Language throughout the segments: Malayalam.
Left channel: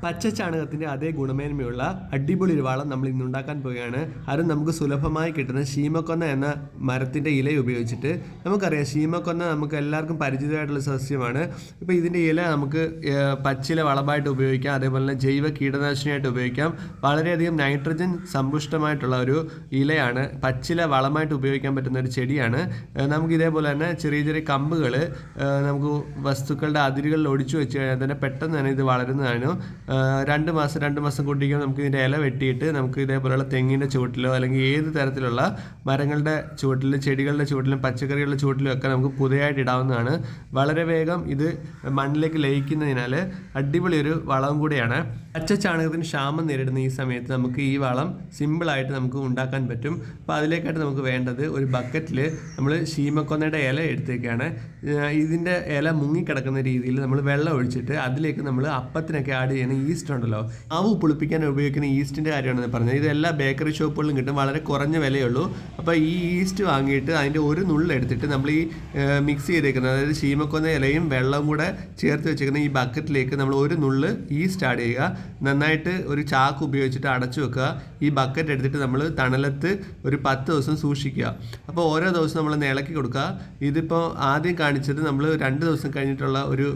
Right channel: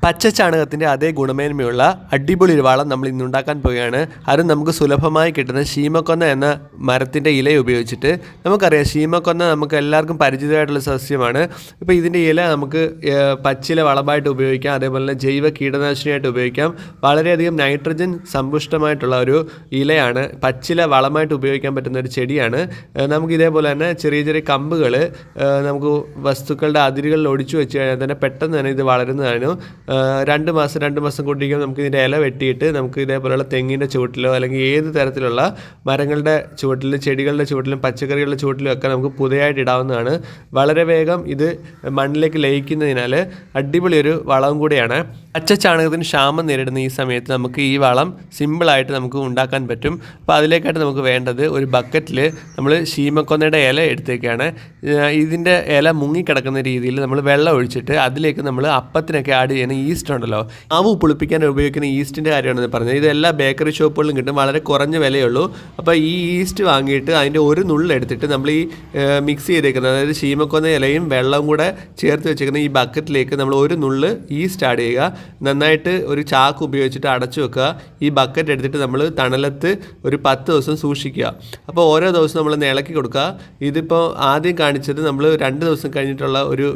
പച്ച ചാണകത്തിന്റെ അതേ ഗുണമേന്മയുള്ള അടിപൊളി ഒരു വളം നമ്മൾ ഇന്ന് ഉണ്ടാക്കാൻ പോവുകയാണ്. അത് നമുക്ക് സുലഭമായി കിട്ടുന്ന ശീമക്കൊന്ന എന്ന മരത്തിന്റെ ഇല ഉപയോഗിച്ചിട്ട് നമുക്കറിയാം ശീമക്കൊന്ന നമുക്ക് എല്ലാവർക്കും പരിചിതമായിട്ടുള്ള സസ്യമാണ്. ഇപ്പോൾ ഇതിന്റെ ഇല നമുക്ക് പച്ചില വളമായിട്ട് ഉപയോഗിക്കാം അതേപോലെ തന്നെ ജൈവ കീടനാശിനിയായിട്ട് ഉപയോഗിക്കാം. വളരെയധികം നൈട്രജൻ സമ്പുഷ്ടമായിട്ടുള്ള ഒരു ഇലയാണ് പച്ചില വളമായിട്ട് ഉപയോഗിക്കാൻ പറ്റുന്ന ഒരു ചെടിയാണ്. നമുക്ക് ഇതേപോലെ തന്നെ ചെറിയ ചെറിയ കമ്പുകൾ നമുക്ക് വസ്തുക്കളുടെ അതിരുകളിൽ ഒടിച്ചു വെച്ച് കഴിഞ്ഞാൽ തന്നെ പെട്ടെന്ന് തന്നെ ഇത് വളരുന്നതിനും ഏഹ്, രണ്ട് മാസം രണ്ട് മാസം കൊണ്ടിരിക്കുമ്പോൾ നമുക്ക് ഇതിന്റെ ഇല വെട്ടിയിട്ട് നമുക്ക് ഇതേപോലെയുള്ള തെങ്ങിന്റെ ചുവട്ടിലോ അല്ലെങ്കിൽ ഏത് തരത്തിലുള്ള മരങ്ങളുടെ ചുവട്ടിലും ചെടികളുടെ ചുവട്ടിലും പച്ചക്കറികളുടെ ചുവട്ടിലും ഒക്കെ നമുക്ക് പുതിയതായിട്ട് ഇടാവുന്നതാണ്. വളരെ വേഗം ഇത് മണ്ണിലേക്ക് ലയിക്കുന്നതിനാൽ അടിപൊളിയൊരു വളവും കൂടിയാണ്. പച്ച ചാണകത്തിന് ക്ഷാമം നേരിടുന്ന ഈ സമയത്ത് നമുക്ക് ഈ വളം സിമ്പിളായിട്ട് നമുക്ക് ഉണ്ടാക്കാൻ പറ്റും. അപ്പോൾ അതിലേക്കായിട്ട് നമുക്ക് വേണ്ടത് ഒരു ബക്കറ്റിൽ നമ്മൾ ശീമക്കൊന്നയുടെ ഇല എടുത്തേക്കാണ്. ഇതിന്റെ ഇല മുങ്ങിക്കിടക്കുന്ന രീതിയിൽ നമ്മൾ വെള്ളം ഒഴിച്ചിട്ട് അതിലേക്ക് നമ്മൾ അപ്പത്തിനൊക്കെ ആഡ് ചെയ്യുന്ന ഈസ്റ്റ് ഉണ്ടല്ലോ മാവ് പുളിപ്പിക്കാൻ ഉപയോഗിക്കുന്ന ഈസ്റ്റിന്റെ കാര്യമാണ് പറഞ്ഞത്. ഇത് എല്ലാ ബേക്കറി ഷോപ്പുകളിലും കിട്ടും. വളരെ കുറഞ്ഞ വിലയുള്ളൂ. അപ്പോൾ ഈ ഈസ്റ്റ് വാങ്ങിയിട്ട് അതിന്റെ ഒരു നുള്ളെടുത്തിട്ട് നമ്മൾ ഈ മിക്സ് ചെയ്തേക്കുന്നത്. അതായത് ശീമക്കൊന്ന ഇലയും വെള്ളവും കൂടെ ചേർത്ത് വെച്ചേക്കുന്ന ഈ ബക്കറ്റിലേക്ക് നമ്മൾ ഒരു നുള്ള് ഈസ്റ്റ് ആഡ് ചെയ്യുക. നന്നായിട്ട് ഒരു ചാക്ക് ഉപയോഗിച്ചിട്ട് അടച്ചു വെക്കുക. ഈ ബക്കറ്റ് എടുത്തിട്ട് നമ്മൾ തണലത്ത് ഒരു പത്ത് ദിവസം സൂക്ഷിക്കുക. അപ്പോൾ ഓരോ ദിവസം നമ്മൾ ഇളക്കി കൊടുക്കുക. ഇതിപ്പോൾ ആദ്യം കാണിച്ചത് നമ്മൾ രണ്ട് ദിവസം കഴിഞ്ഞിട്ടുള്ള ഒരു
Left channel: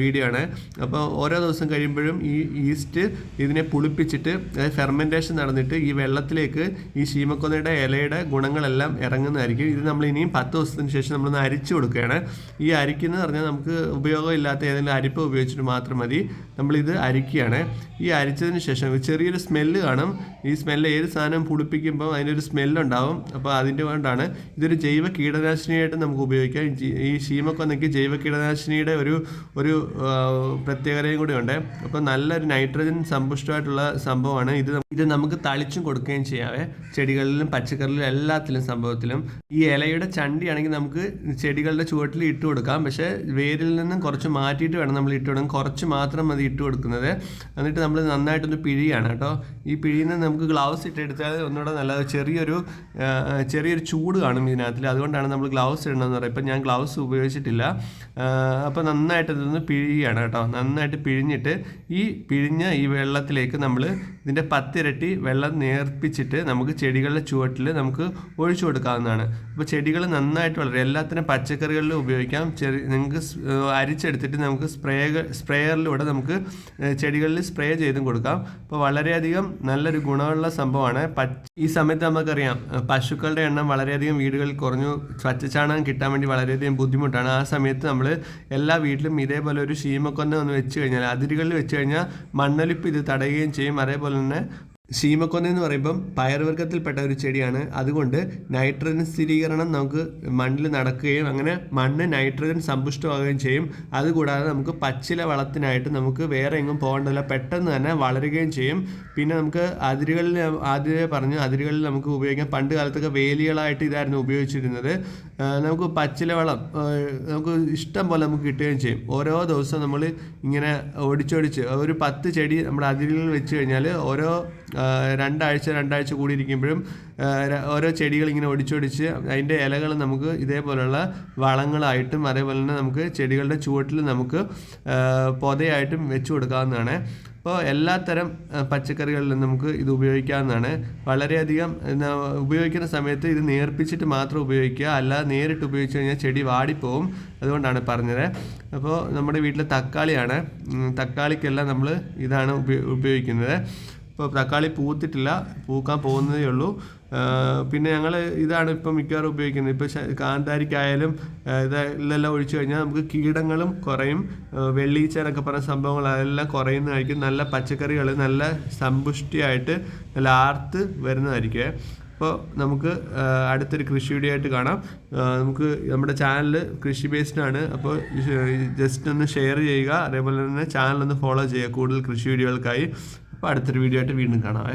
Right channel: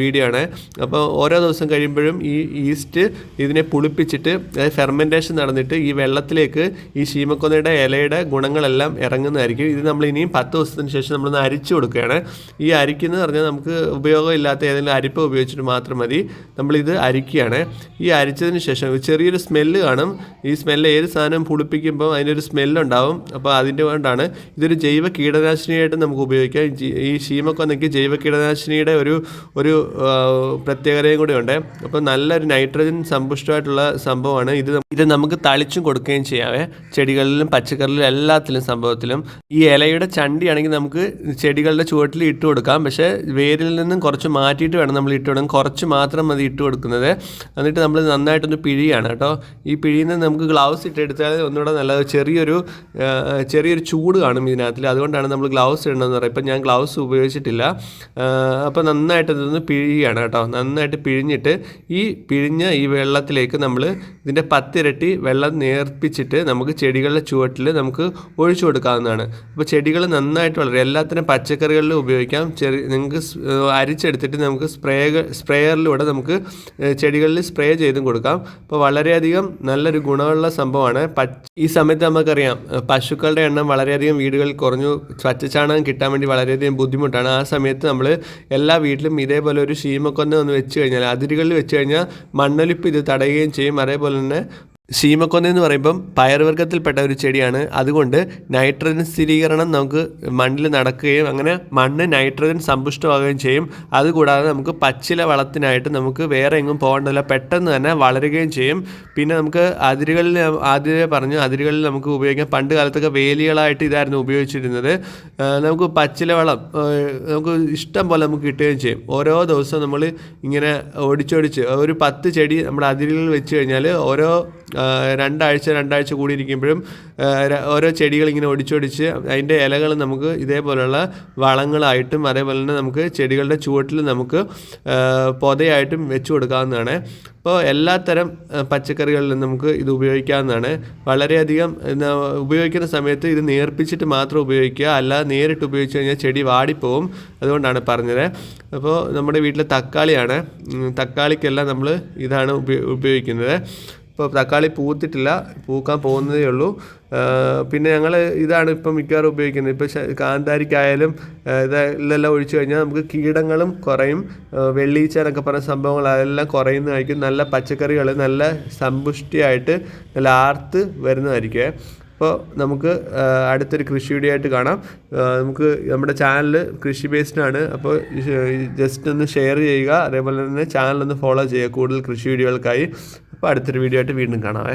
വീഡിയോ ആണ്. അപ്പോൾ ഓരോ ദിവസം കഴിയുമ്പോഴും ഈ ഈസ്റ്റ് ഇതിനെ പുളിപ്പിച്ചിട്ട് ഫെർമെന്റേഷൻ നടന്നിട്ട് ഈ വെള്ളത്തിലേക്ക് ഈ ശീമക്കൊന്നയുടെ ഇലയുടെ ഗുണങ്ങളെല്ലാം ഇറങ്ങുന്നതായിരിക്കും. ഇത് നമ്മൾ ഇനിയും പത്ത് ദിവസത്തിന് ശേഷം നമ്മളൊന്ന് അരിച്ചു കൊടുക്കുകയാണ്. ഈ അരിക്കുന്നത് പറഞ്ഞാൽ നമുക്ക് ഉപയോഗമില്ലാത്ത ഏതെങ്കിലും അരിപ്പ ഉപയോഗിച്ചിട്ട് മാത്രം മതി. നമ്മളിത് അരിക്കുകയാണ്. ഈ അരിച്ചതിന് ശേഷം ചെറിയൊരു സ്മെല്ല് കാണും. ഈ സ്മെല്ല് ഏത് സാധനം പുളിപ്പിക്കുമ്പോൾ അതിനൊരു സ്മെല്ലുണ്ടാവും അപ്പോൾ അതിന്റെ കൊണ്ടാണ് ഇതൊരു ജൈവ കീടനാശിനിയായിട്ട് നമുക്ക് ഉപയോഗിക്കാം. ഈ ശീമക്കൊന്നയ്ക്ക് ജൈവ കീടനാശിനിയുടെ ഒരു ഒരു പ്രത്യേകതയും കൂടി ഉണ്ട്. അപ്പോൾ നല്ലൊരു നൈട്രജൻ സമ്പുഷ്ടമായിട്ടുള്ള സംഭവമാണ്. ഇത് ഇത് നമുക്ക് തളിച്ചും കൊടുക്കുകയും ചെയ്യാവേ ചെടികളിലും പച്ചക്കറികളിലും എല്ലാത്തിലും സംഭവത്തിലും. ഈ ഇലയുടെ ചണ്ടിയാണെങ്കിൽ നമുക്ക് ചെടികളുടെ ചുവട്ടിൽ ഇട്ട് കൊടുക്കാം. പക്ഷേ വേരിൽ നിന്നും കുറച്ച് മാറ്റിയിട്ട് വേണം നമ്മൾ ഇട്ട് കൊടുക്കാൻ. കുറച്ച് മാത്രം മതി ഇട്ട് കൊടുക്കുന്നത്. എന്നിട്ട് നമ്മൾ നന്നായിട്ടൊന്ന് പിഴിയാണ് കേട്ടോ. ഈ പിഴിയിൽ നിന്ന് നമുക്ക് ഗ്ലൗസ് ഇട്ടെടുത്താൽ ഒന്നുകൂടെ നല്ലത്. ചെറിയൊരു ചെറിയൊരു ചൂട് കാണും ഇതിനകത്ത് അതുകൊണ്ടാണ് നമ്മൾ ഗ്ലൗസ് ഇടണമെന്ന് പറയുന്നത്. ഇപ്പം ഞാൻ ഗ്ലൗസ് ഉപയോഗിച്ചിട്ടില്ല. അപ്പോൾ നന്നായിട്ട് ഇതൊന്ന് പിഴിയാണ് കേട്ടോ. നന്നായിട്ട് പിഴിഞ്ഞിട്ട് ഈ പിഴിഞ്ഞ ഈ വെള്ളത്തിലേക്ക് നമ്മൾ ഇതിന്റെ പത്തിരട്ടി വെള്ളം നേർപ്പിച്ചിട്ട് നമുക്ക് ചെടികളുടെ ചുവട്ടിൽ നമുക്ക് ഒഴിച്ചു കൊടുക്കാവുന്നതാണ്. അപ്പോൾ ചെടികൾ നന്നായിട്ട് വളരും. എല്ലാത്തിനും പച്ചക്കറികളിലും ഉപയോഗിക്കാം. ചെറി നിങ്ങൾക്ക് അരിച്ചെടുത്തിട്ട് നമുക്ക് സ്പ്രേ സ്പ്രേയറിലൂടെ നമുക്ക് ചെടികളിൽ സ്പ്രേ ചെയ്തും കൊടുക്കാം. അപ്പോൾ വളരെയധികം നല്ലൊരു ഗുണമുള്ള സംഭവമാണ്. ഈ സമയത്ത് നമുക്കറിയാം പശുക്കളുടെ എണ്ണം വളരെയധികം വീടുകളിൽ കുറഞ്ഞു. പച്ചച്ചാണകം കിട്ടാൻ വേണ്ടി വളരെയധികം ബുദ്ധിമുട്ടാണ്. ആ സമയത്ത് നമ്മൾ എല്ലാ വീട്ടിലും ഇതേപോലെ ഒരു ശീമക്കൊന്ന ഒന്ന് വെച്ച് കഴിഞ്ഞാൽ അതിരുകളിൽ വെച്ച് കഴിഞ്ഞാൽ മണ്ണൊലിപ്പ് ഇത് തടയുകയും ചെയ്യും. അതേപോലെ തന്നെ ശീമക്കൊന്ന എന്ന് പറയുമ്പം പയർവർഗത്തിൽപ്പെട്ട ഒരു ചെടിയാണ്. അതുകൊണ്ട് നൈട്രജൻ സ്ഥിരീകരണം നമുക്ക് മണ്ണിൽ നടക്കുകയും അങ്ങനെ മണ്ണ് നൈട്രജൻ സമ്പുഷ്ടമാകുകയും ചെയ്യും. അതുകൂടാതെ നമുക്ക് പച്ചില വളത്തിനായിട്ട് നമുക്ക് വേറെ എങ്ങും പോകേണ്ടതില്ല. പെട്ടെന്ന് തന്നെ വളരുകയും ചെയ്യും. പിന്നെ നമുക്ക് അതിരുകളിൽ ആദ്യമേ പറഞ്ഞു അതിരുകളിൽ നമുക്ക് ഉപയോഗിക്കാം. പണ്ട് കാലത്തൊക്കെ വേലികളായിട്ട് ഇതായിരുന്നു ഉപയോഗിച്ചിരുന്നത്. നമുക്ക് പച്ചില വളം നമുക്ക് ഇഷ്ടം പോലെ നമുക്ക് കിട്ടുകയും ചെയ്യും. ഓരോ ദിവസവും നമ്മൾ ഇങ്ങനെ ഓടിച്ചോടിച്ച് ഒരു പത്ത് ചെടി നമ്മുടെ അതിരുകളിൽ വെച്ച് കഴിഞ്ഞാൽ ഓരോ രണ്ടാഴ്ച രണ്ടാഴ്ച കൂടി ഇരിക്കുമ്പോഴും ഓരോ ചെടികൾ ഇങ്ങനെ ഒടിച്ചൊടിച്ച് അതിന്റെ ഇലകൾ നമുക്ക് ഇതേപോലെയുള്ള വളങ്ങളായിട്ടും അതേപോലെ തന്നെ നമുക്ക് ചെടികളുടെ ചുവട്ടിൽ നമുക്ക് പൊതയായിട്ടും വെച്ച് കൊടുക്കാവുന്നതാണ്. അപ്പോൾ എല്ലാത്തരം പച്ചക്കറികളിലും നമുക്ക് ഇത് ഉപയോഗിക്കാവുന്നതാണ്. വളരെയധികം ഉപയോഗിക്കുന്ന സമയത്ത് ഇത് നേർപ്പിച്ചിട്ട് മാത്രം ഉപയോഗിക്കുക. അല്ലാതെ നേരിട്ട് ഉപയോഗിച്ച് കഴിഞ്ഞാൽ ചെടി വാടിപ്പോവും. അതുകൊണ്ടാണ് പറഞ്ഞത്. അപ്പോൾ നമ്മുടെ വീട്ടിലെ തക്കാളിയാണ്. തക്കാളിക്കെല്ലാം നമ്മൾ ഇതാണ് ഉപയോഗിക്കുന്നത്. ഇപ്പോൾ തക്കാളി പൂത്തിട്ടില്ല പൂക്കാൻ പോകുന്നതേ ഉള്ളൂ. പിന്നെ ഞങ്ങൾ ഇതാണ് ഇപ്പം മിക്കവാറും ഉപയോഗിക്കുന്നത്. ഇപ്പോൾ കാന്താരിക്കായാലും ഇതെല്ലാം ഒഴിച്ചു കഴിഞ്ഞാൽ നമുക്ക് കീടങ്ങളും കുറയും. വെള്ളീച്ച എന്നൊക്കെ പറഞ്ഞ സംഭവങ്ങൾ അതെല്ലാം കുറയുന്നതായിരിക്കും. നല്ല പച്ചക്കറികൾ നല്ല സമ്പുഷ്ടിയായിട്ട് നല്ല ആർത്ത് വരുന്നതായിരിക്കും. അപ്പോൾ നമുക്ക് അടുത്തൊരു കൃഷി വീഡിയോ ആയിട്ട് കാണാം നമുക്ക് നമ്മുടെ ചാനൽ കൃഷി ബേസ്ഡ് ആണ് അപ്പോൾ ജസ്റ്റ് ഒന്ന് ഷെയർ ചെയ്യുക. അതേപോലെ തന്നെ ചാനൽ ഒന്ന് ഫോളോ ചെയ്യുക കൂടുതൽ കൃഷി വീഡിയോകൾക്കായി. അപ്പോൾ അടുത്തൊരു വീഡിയോ ആയിട്ട് വീണ്ടും കാണാവേ.